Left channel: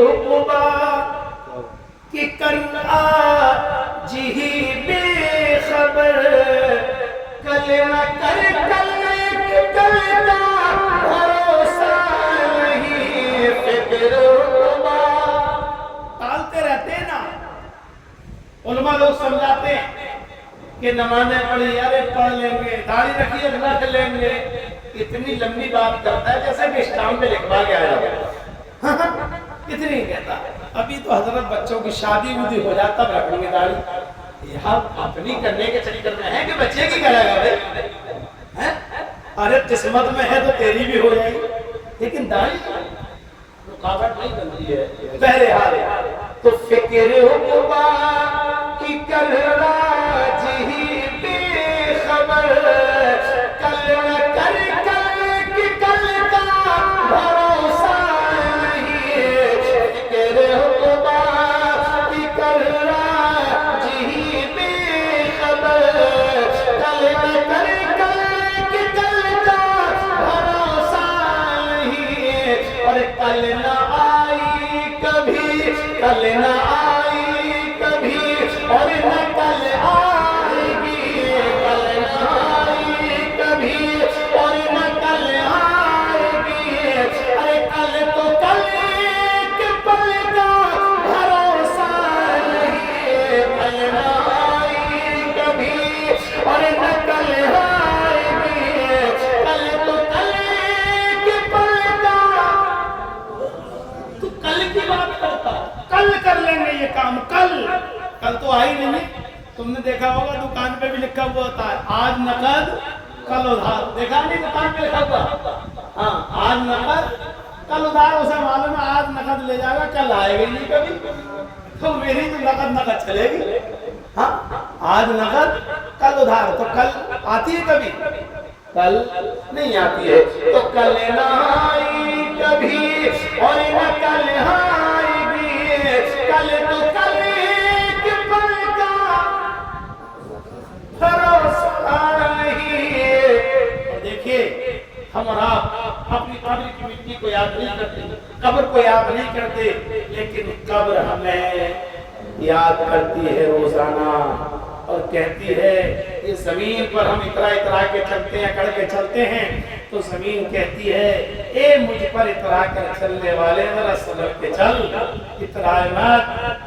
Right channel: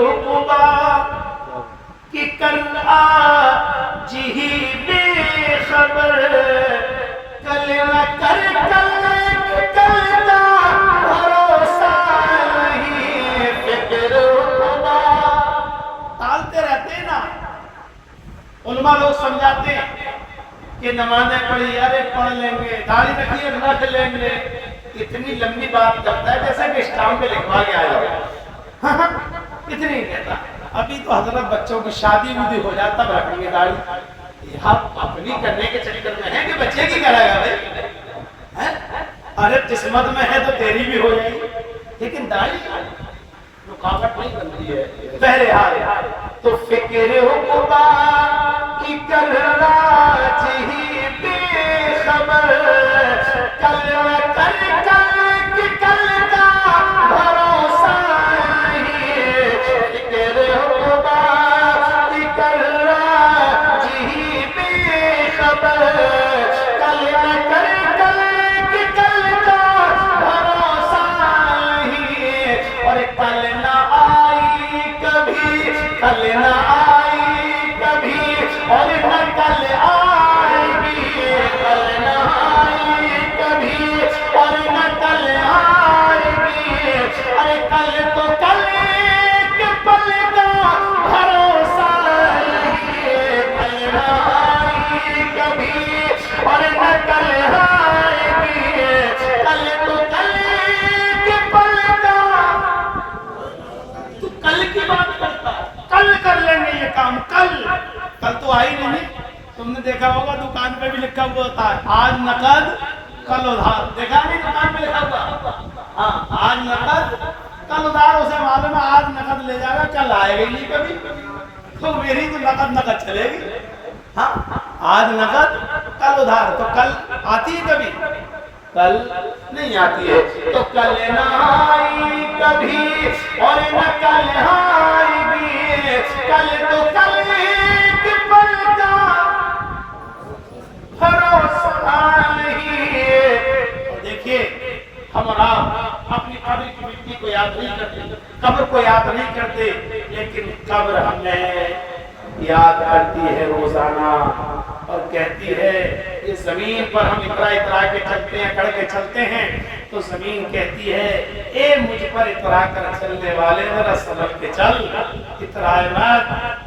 رقبا کہ کر آج ہی بے خبر کل نہ کر کل کا بھروسہ نہیں فکر رقبا. ٹالتے رہتے ہیں نا. علماء لوگ سمجھاتے ہیں کہ نمازیں پڑھی ارے پڑھ لیں گے, داڑھی رکھی ہے رکھ لیں گے. اتنی لمبی بات کرتا ہے جیسا کہ اسٹام پہ لکھوا کے آیا ہو. اتنی کہتا ہے. ابھی تو حضرت بچوں کی شادی ودی ہو جاتا تب رکھیں گے داڑھی. یہاں اپنی کرنے کے چکر میں ہے کہ بچے کی کرے گا بھائی. ارے قسمت میں ہے تو تیری بھی ہو جائے گی, لیکن داڑھی رکاوٹ نہیں بنتی ہے. بہرحال تو فکر عقبا کی کل آج ہی بے خبر کل نہ کر کل کی کل کا بھروسہ نہیں فکر عقبا کی کل آج ہی بے خبر کل نہ کر کل کی کل کا بھروسہ نہیں. اور کل نہ آئی کبھی کل نہ آئی کبھی اور نہ کل آئے گی. کل نہ آئی کبھی اور نہ کل آئے گی. ارے کل تو کل ایک پل کا بھروسہ نہیں. کل نہ آئی کبھی اور نہ کل آئے گی. کل تو کل ایک پل کا. تو کل کی بات کرتا, کل کر لیں گے یہ کام. کل تو آئی نہیں. تم نے دیکھا ہوگا دکان پہ بھی لکھا ہوا ہوتا ہے آج نقد کل ادھار. دیکھا نہیں دکان پہ لکھا ہوا؟ ہاں, آج نقد کل ادھار. اسے معلوم ہے آج نقد لے جائے گا, کل آئے گا ہی نہیں کبھی. تو میری تو نقد چلے گی. ہاں, آج نقد کل ادھار. تو کل آتی ہے کبھی؟ کل نہیں آتی ہے. تو کل نہ آئی کبھی اور نہ کل آئے گی. کل تو کل ایک پل کا بھروسہ نہیں. اور دیکھیے ہم اور آپ اپنی قبر کی مٹی کو یاد نہیں کرتے, قبر کو یاد نہیں کرتے, لیکن قبر ہمیں یاد کرتی ہے روزانہ اور کہتی ہے یہ زمین پر ہم اترا کے چلتے ہیں, کڑ کے چلتے ہیں, تو زمین کہتی ہے اے مجھ پر اترا کر چلنے والے ذرا سنبھل کے چل, اترائے مت.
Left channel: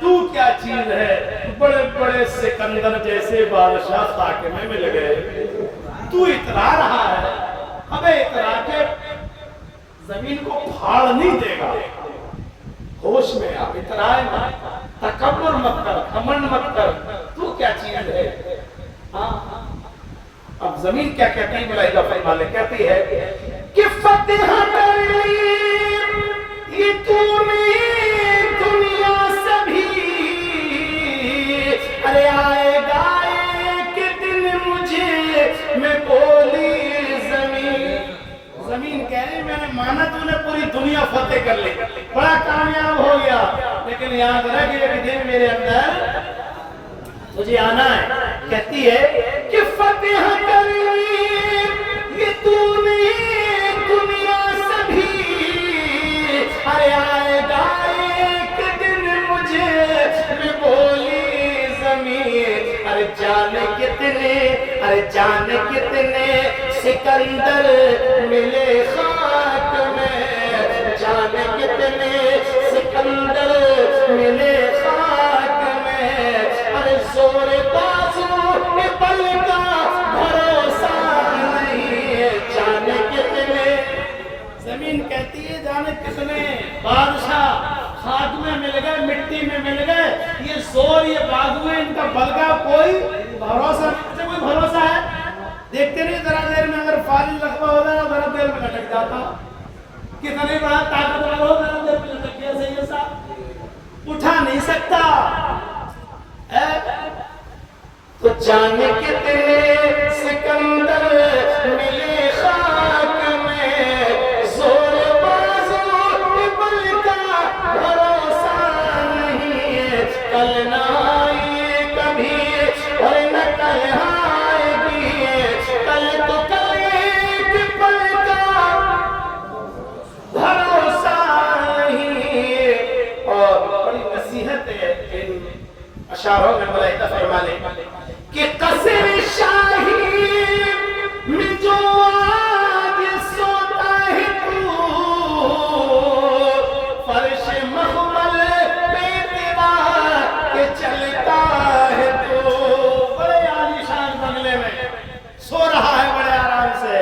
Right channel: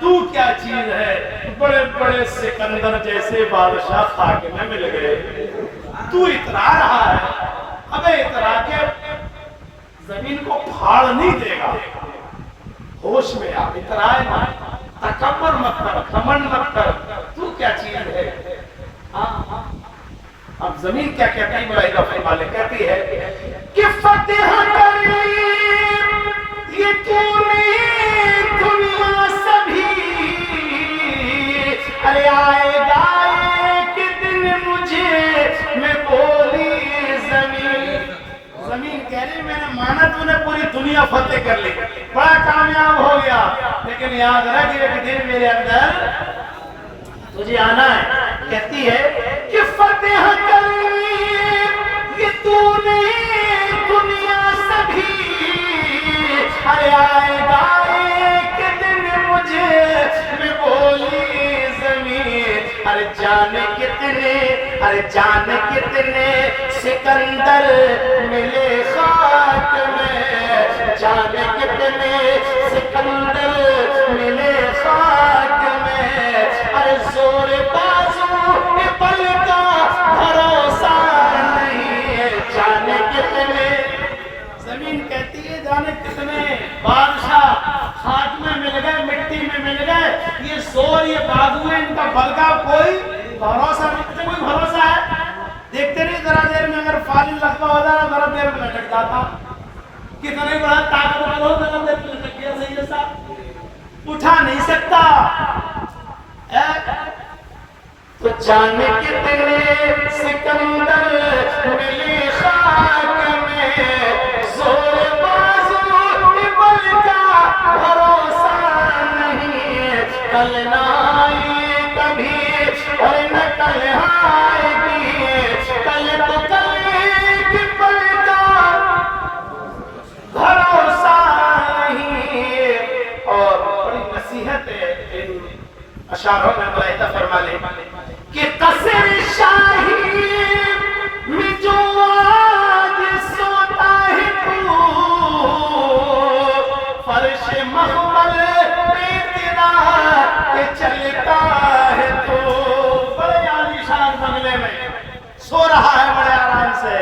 تو کیا چیز ہے, بڑے بڑے سکندر جیسے بادشاہ خاک میں مل گئے, تو اترا رہا ہے. ابے اترا کے زمین کو پھاڑ نہیں دے گا. ہوش میں آ, اترائے مت, تکبر مت کر, گھمنڈ مت کر. تو کیا چیز ہے. ہاں, اب زمین کیا کہتی ہے ملائکہ فرمانے کہتی ہے کہ فتح کر لی یہ تو نے دنیا سبھی. ارے آئے گا ایک دن مجھے میں بولی زمین. زمین کہہ رہی میں نے مانا تو نے پوری دنیا فتح کر لی, بڑا کامیاب ہو گیا, لیکن یاد رکھ ایک دن میرے اندر تجھے آنا ہے. کہتی ہے کہ فتح کر یہ تو نے دنیا سبھی. ارے آئے گا ایک دن مجھے میں بولی زمین. ارے جانے کتنے سکندر ملے خاک میں. جانے کتنے سکندر ملے خاک میں. ارے زور بازو پل کا بھروسہ نہیں. جانے کتنے. زمین کہتی ہے جانے کتنے بادشاہ خاک میں مل گئے, مٹی میں مل گئے. یہ زور, یہ بازو, ان کا بل کا کوئی بھروسہ نہیں. اچھا کوئی بھروسہ ہے؟ دیکھتے نہیں ذرا دیر میں اگر فالج لقبہ ہو جانا ذرا دیر میں لٹک جاتا. کتنے بڑا طاقتور ہو ذرا دیر میں لٹک گیا. صحیح ہے صاحب, اٹھا نہیں سکتا. تو جانے کتنے سکندر ملے خاک میں. زور بازو بل کا بھروسہ نہیں. کل نہ آئی کبھی اور نہ کل آئے گی. کل تو کل ایک پل کا بھروسہ نہیں. اشاروں میں ملائکہ فرما لے کہ قصر شاہی میں جو آج سوتا ہے تو فرش مخمل پہ تیرا کہ چلتا ہے تو بڑے عالیشان بنگلے میں سو رہا ہے بڑے آرام سے،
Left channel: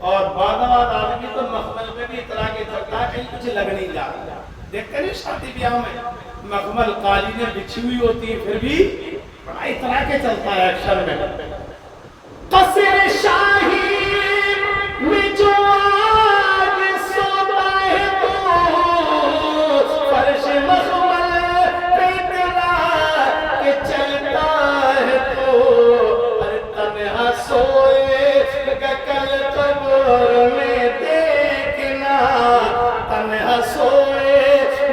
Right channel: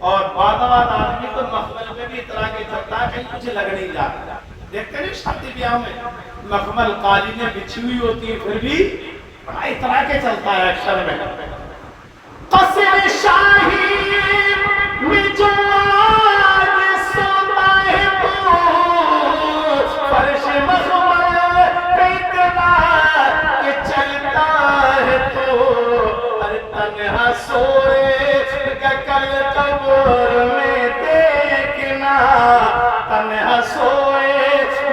اور بعد آدمی تو مخمل پہ بھی اتنا کے چلتا ہے کہیں کچھ لگ نہیں جاتا۔ دیکھتے نہیں شادی بیاہ میں مخمل قالینیں بچھی ہوئی ہوتی ہیں پھر بھی بڑا اتنا کے چلتا ہے اکثر میں۔ قصر شاہی میں جو آج سوتا ہے تو فرش مخمل پہ اتنا کہ چلتا ہے تو ارے تنہا سوئے کہ کل قبر میں دیکھنا، تنہا سوئے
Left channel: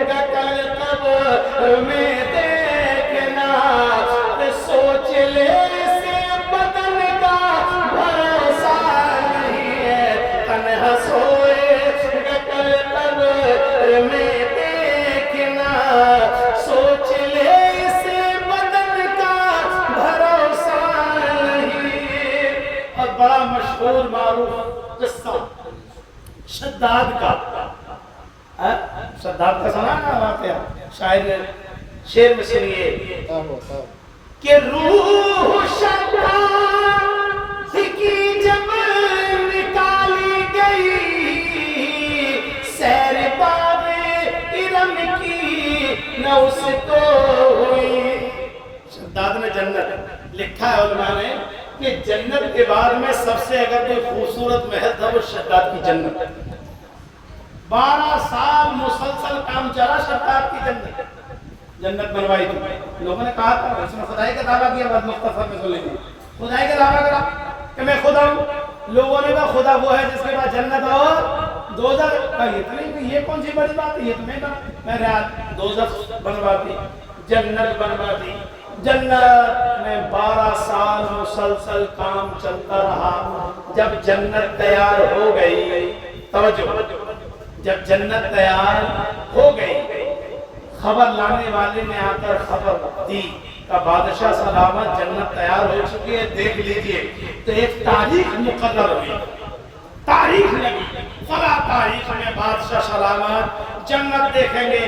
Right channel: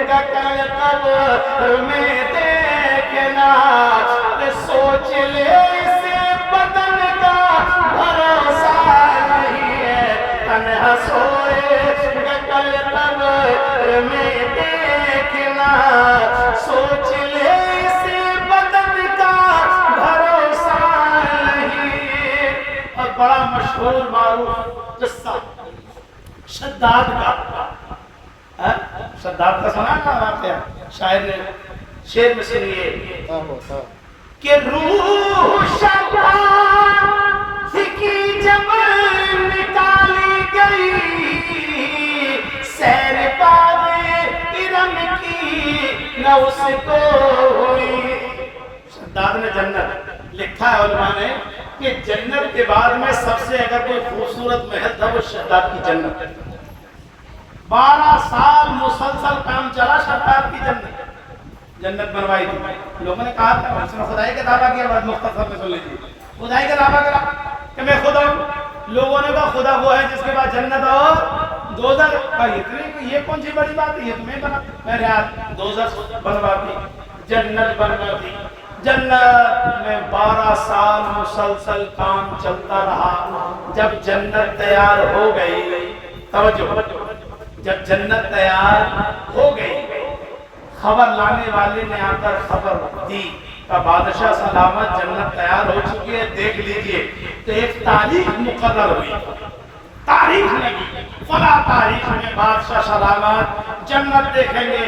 کہ کل قبر میں دیکھنا، سوچ لے اسے بدن کا بھروسہ نہیں ہے، تنہا سوئے کہ کل قبر میں دیکھنا، سوچ لے اسے بدن کا بھروسہ نہیں۔ اور بڑا مشہور معروف قصہ شداد کا، شداد کا سنا نا واقعہ، شاعر نے شعر میں سنیے کہ روح شداد کی جب نکالی گئی سیر باغ ارم کی نہ اس کو ہوئی۔ شداد نے جنت لکھا ہے علماء نے کہ جنت کے بعد میں سب سے اگر کوئی خوبصورت محل تھا وہ شداد کی جنت۔ 12 سال مسلسل کام چلا شداد کی جنت بنوائی تھی۔ لوگوں نے کہا تھا، اس نے خدائی کا دعویٰ کیا، بات مختصر میں سن لیجیے، خدائی کا دعویٰ کرا کہ میں خدا ہوں۔ لوگوں نے کہا خدا وہ ہے جس کے بعد جنت اور دوزخ، کہا یہ کون سی بڑی بات ہے، یہ تمہیں بنا، میں ریاض دوزخ بنوا دی، جنت بنوا دی۔ جنت میں 12 سال مسلسل کام چلتا رہا۔ جب جنت تیار ہو گئی، توجہ، جب جنت تیار ہو گئی، خبر لانے والے نے آ کر خبر دی کہ بادشاہ سلامت جنت تیار ہو چکی ہے، دیکھ لیجئے۔ تو ایک تاریخ مقرر ہوئی، تاریخ لگی، فلاں تاریخ میں بادشاہ سلامت جنت دیکھیں گے۔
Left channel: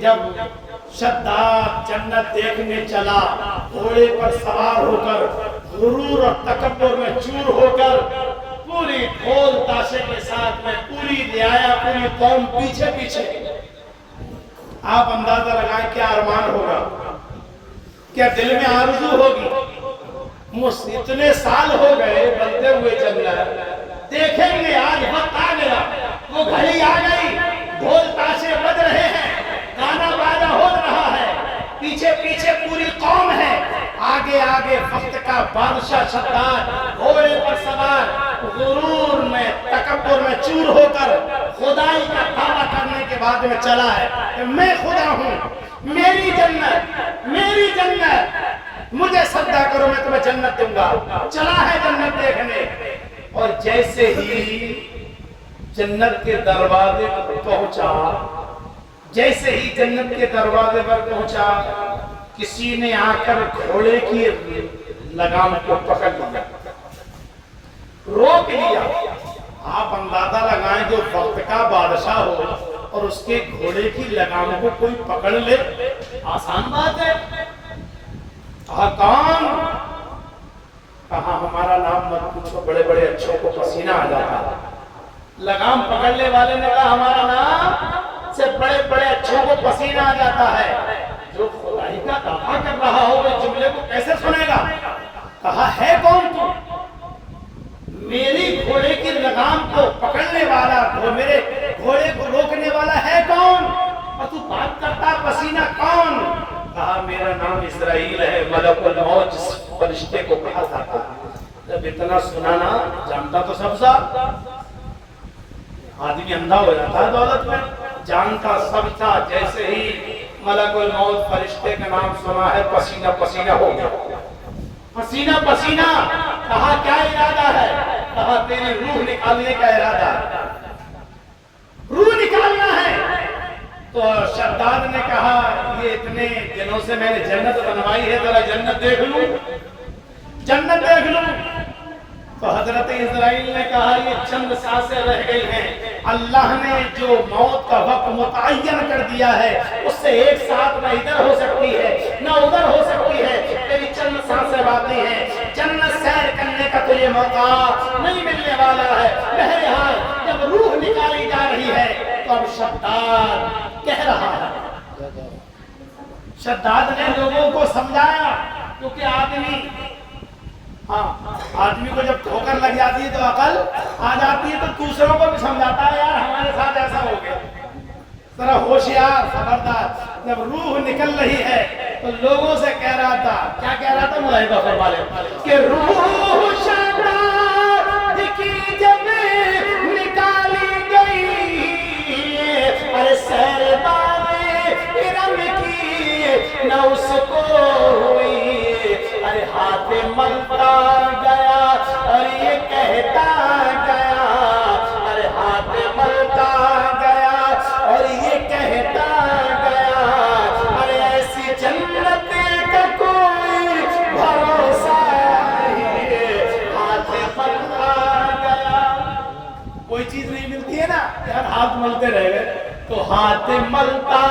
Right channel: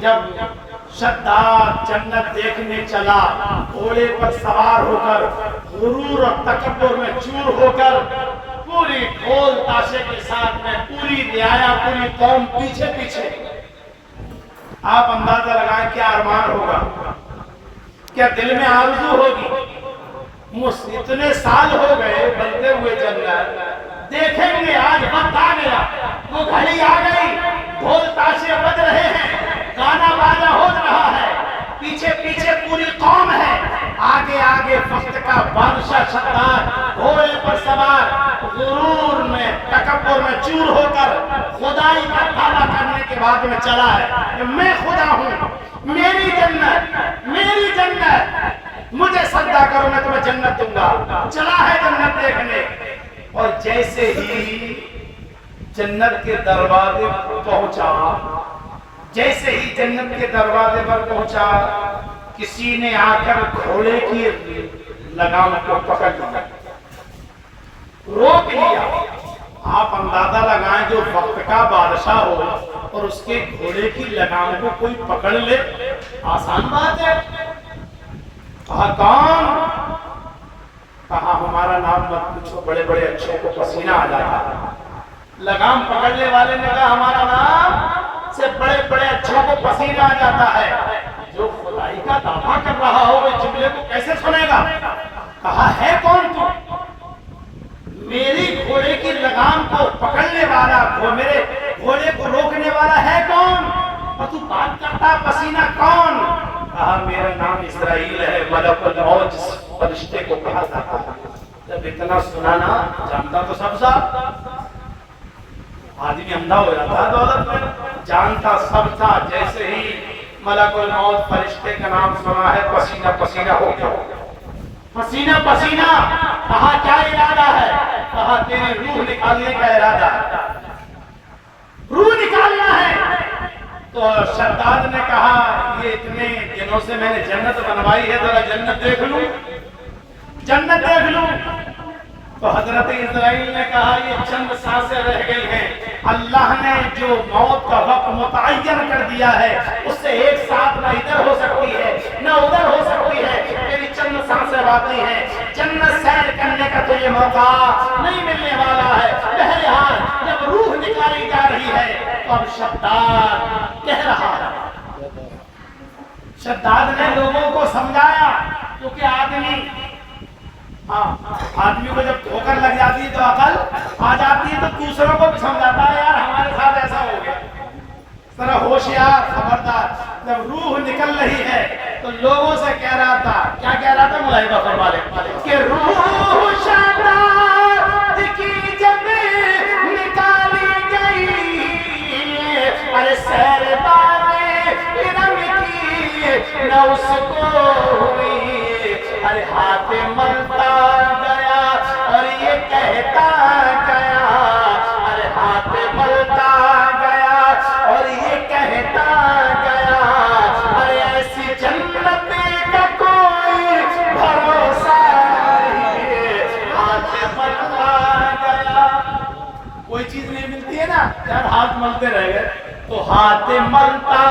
جب شداد جنت دیکھنے چلا، گھوڑے پر سوار ہو کر، غرور اور تکبر میں چور ہو کر، پوری ڈھول تاشے کے ساتھ میں پوری رعایا، پوری قوم پیچھے پیچھے۔ آپ اندازہ لگائیں کیا ارمان ہوگا، کیا دل میں آرزو ہوگی۔ اتنے سال ہو گئے بنتے ہوئے جنت، دیکھیں گے آج وقت آ گیا، وہ گھڑی آ گئی، ڈھول تاشے بج رہے ہیں، گانا باجا ہو رہا ہے، پیچھے پیچھے پوری قوم ہے، آگے آگے وقت کا بادشاہ شداد گھوڑے پر سوار، غرور میں تکبر میں چور ہو کر خدائی کا دعویٰ کرنے کے بعد میں چلا ہے کہ میں خدا ہوں، میری جنت، مجھے سجدہ کرو میں تمہیں جنت دوں گا۔ چلا ہے جنت دیکھنے، اور جیسے ہی جنت کے دروازے پر پہنچا، جیسے ہی جنت کے دروازے پر پہنچا، کسی نے آ کر گھوڑے کی لگام کو پکڑ لیا، روک لیا۔ آپ اندازہ لگائیں جو وقت کا بادشاہ ہو اور اس کے گھوڑے کی لگام کو کوئی پکڑ لے، آسان بات ہے۔ کہا کون؟ کہا ہمارا نام مت پوچھو، بڑے بڑے اچھوں کو پسینہ آ جاتا ہے۔ لگام پکڑنے والے نے کہا ہمارا نام سے بڑے بڑے اچھوں کو پسینہ آ جاتا ہے۔ جو خدائی کا دعویٰ کر رہا ہو وہ جملے کو کیسے سنے گا؟ کہا ہے کون تو؟ میری گھوڑے کی لگام کو پکڑنے والا، میرے گھوڑے کو روکنے والا ہے کون؟ اور تو بات کرتا پسینہ کون؟ کہا میرا نام اسرائیل ہے، ملک الموت جس فرشتے کو کہا جاتا ہے۔ جب اتنا سنانا، جانتا تو سب تھا، آدمی اندھا ہو جاتا ہے دولت میں، جانتا سب تھا۔ جیسے ہی ملک الموت فرشتے کا نام سنا ہے، پسینہ پسینہ ہو گیا، پسینہ پسینہ۔ کہا کیا ارادہ ہے؟ کہا تیری روح نکالنے کا ارادہ ہے، روح نکالنا ہے۔ تو شداد نے کہا یہ اتنے دنوں سے میں نے جنت بنوائی ہے، ذرا جنت دیکھ لوں، جنت دیکھ لوں۔ تو حضرت اسرائیل نے کہا یہ چند سانسیں رہ گئی ہیں، اللہ نے جو موت کا وقت متعین کر دیا ہے اس سے ایک ساتھ نہ ادھر ہو سکتی ہے نہ ادھر ہو سکتی ہے، تیری چند سانسیں باقی ہیں، جنت سیر کرنے کا تو یہ موقع نہیں ملنے والا ہے۔ بہرحال جب روح نکالی جا رہی ہے تو اب شداد کہہ رہا ہے، شداد نے لوگوں کو سمجھایا، کیونکہ آدمی کو جب ٹھوکر لگ جاتی ہے تو عقل آ جاتی ہے، تو دوسروں کو بھی سمجھاتا ہے یار ہمارے ساتھ ایسا ہو گیا، ذرا ہوشیار خبردار۔ جب روح نکل رہی ہے تو لوگوں سے کہہ رہا تھا، کیا کہہ رہا تھا ملائکہ فرما لے کہ روح شداد کی جب نکالی گئی، ارے سیر بارے رنگ کی نہ اس کو ہوئی، ارے ہاتھ ملتا گیا اور یہ کہتا گیا، ارے ہاتھ ملتا گیا اور یہ کہتا گیا، ارے ایسی جنت کا کوئی بھروسہ نہیں، ہاتھ ملتا گیا۔ کوئی چیز نہیں ملتی ہے نا یار، ہاتھ ملتے رہ گئے، تو ہاتھ ملتا